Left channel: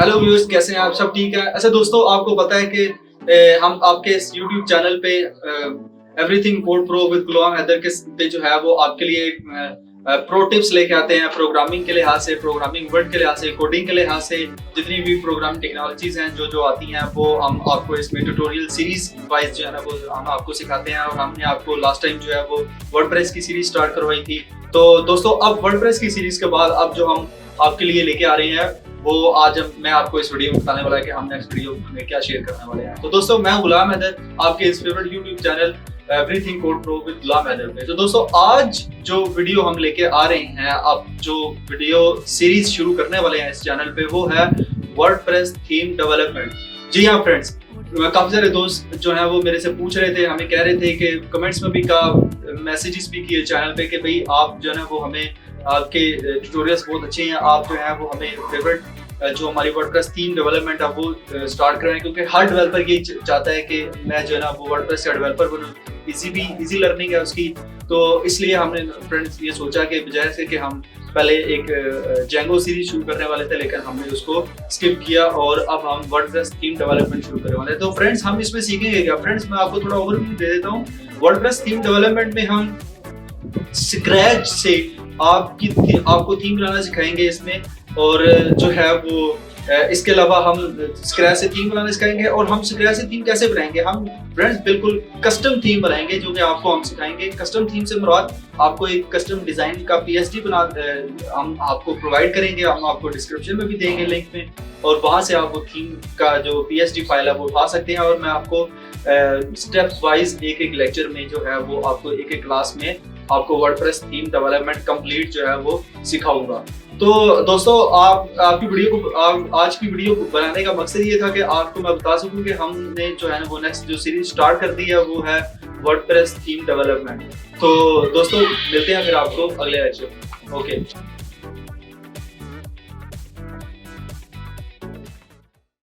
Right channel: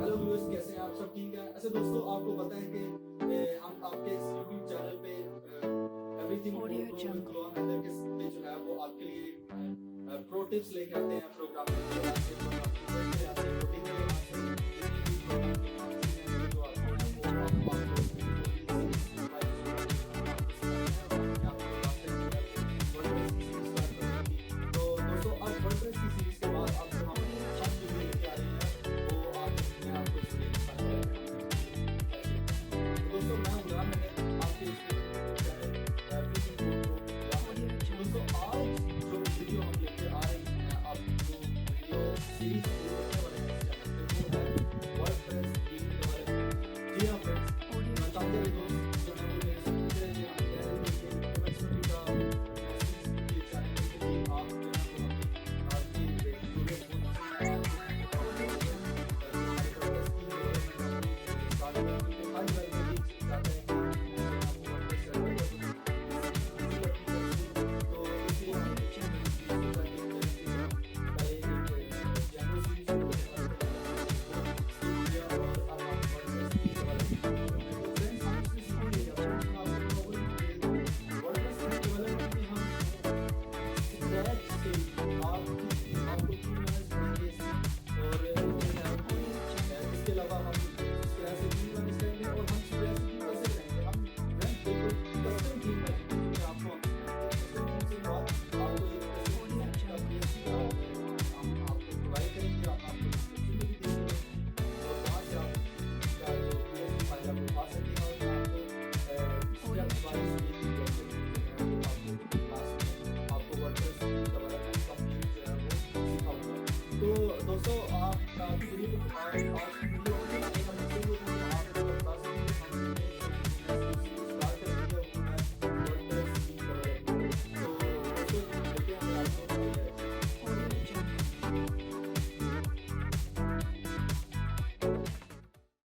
Hello viewers, कैसे हैं आप? सब ठीक है? अच्छा दोस्तों, आपको पता है कि हम आपके इस यूट्यूब चैनल पे everything code pro with Ghulam Haider के पे जो है वो आपके लिए प्रो टिप्स लेके आते हैं। प्रोग्रामिंग के लिहाज से, प्रोग्रामिंग वर्ड के लिहाज से, कोडिंग के लिहाज से, जितनी भी प्रोग्राम टेक्नोलॉजीज हैं जो आती हैं वो हम आपको इसमें ट्यूटोरियल सीरीज वाइज जो है ना वो हम आपको सिखाते हैं। और हमने आपको लास्ट टाइम जो है वो वर्डप्रेस की सीरीज स्टार्ट करवाई थी। तो दोस्तों, अब वर्डप्रेस की सीरीज के बाद अब जो हम आपके लिए लेके आ रहे हैं वो आज मैं आपको इस वीडियो में बताने वाला है कि हम नेक्स्ट वीडियो में क्या शेयर करने वाले हैं। तो दोस्तों, मैं गुलाम हैदर, आपके इस favourite YouTube channel everything code pro with Ghulam Haider पे। तो दोस्तों, आज जो वीडियो हम लेके आ रहे हैं, अब जो वीडियो सीरीज शुरू करने वाले हैं इस चैनल पे, वो है वर्डप्रेस थीम डेवलपमेंट। जी हाँ फ्रेंड्स, काफी सारे दोस्त जो है वो मेरे से पूछ रहे थे, हमें कह रहे थे कि कमेंट्स में भी मैसेजेस भी किए चैनल पे कि भाई आप जो है वो हमें, आपके ट्यूटोरियल्स बहुत अच्छे हैं, आप जो है वो हमें फेवरेट जो हमारी वर्डप्रेस थीम डेवलपमेंट है वो स्टार्ट करें, क्योंकि हर डेवलपर ये चाहता है कि मैं जो है ना वो वर्डप्रेस का डेवलपर बनूं। इजी लर्निंग है उसकी, तो इसलिए हमने फ्रेंड्स ये सोचा कि बजाय से कि हम पहले एक जेंगो सीरीज शुरू करने वाले थे, लेकिन हमने उसको स्किप किया और अब हम वर्डप्रेस थीम डेवलपमेंट शुरू करने वाले हैं। तो फ्रेंड्स, हम इसमें सीखेंगे क्या? फ्रेंड्स, मैं आपको थोड़ा ओवरव्यू दे देता हूँ। वर्डप्रेस थीम डेवलपमेंट में हम स्क्रैच से आपको थीम बनाना सिखाएंगे इसमें, और जो है वो इसके अलावा हम स्क्रैच से थीम बनाना सिखाएंगे। और हम स्क्रैच से थीम कैसे बनाएंगे? हम फ्रेंड्स बिल्कुल कस्टम थीम बनाएंगे, जो कि आपको हम सिखाएंगे। कस्टम थीम से मुराद आपको एक कस्टम डिजाइन का पीएचडी बना हम आपको प्रोवाइड करेंगे। हम आपको डिस्क्रिप्शन में भी देंगे लिंक में, और वहां से आप वो थीम का जो पीएचडी फाइल है वो उठा सकते हैं। और मैं आपको स्टेप वाइज एक एक लेक्चर में जो है वो आपको एक एक क्लास में आपको वर्डप्रेस थीम डेवलपमेंट कंप्लीट जो है वो सिखाऊंगा। तो दोस्तों, आपकी वीडियो को आज की वीडियो को बनाने का मकसद ये था कि आपको मैं बता सकूं कि हमने जो है ना वो नेक्स्ट जो सीरीज स्टार्ट कर दी है वो है वर्डप्रेस थीम डेवलपमेंट। तो दोस्तों, मिलते हैं फिर आपको अगले लेक्चर। ओके।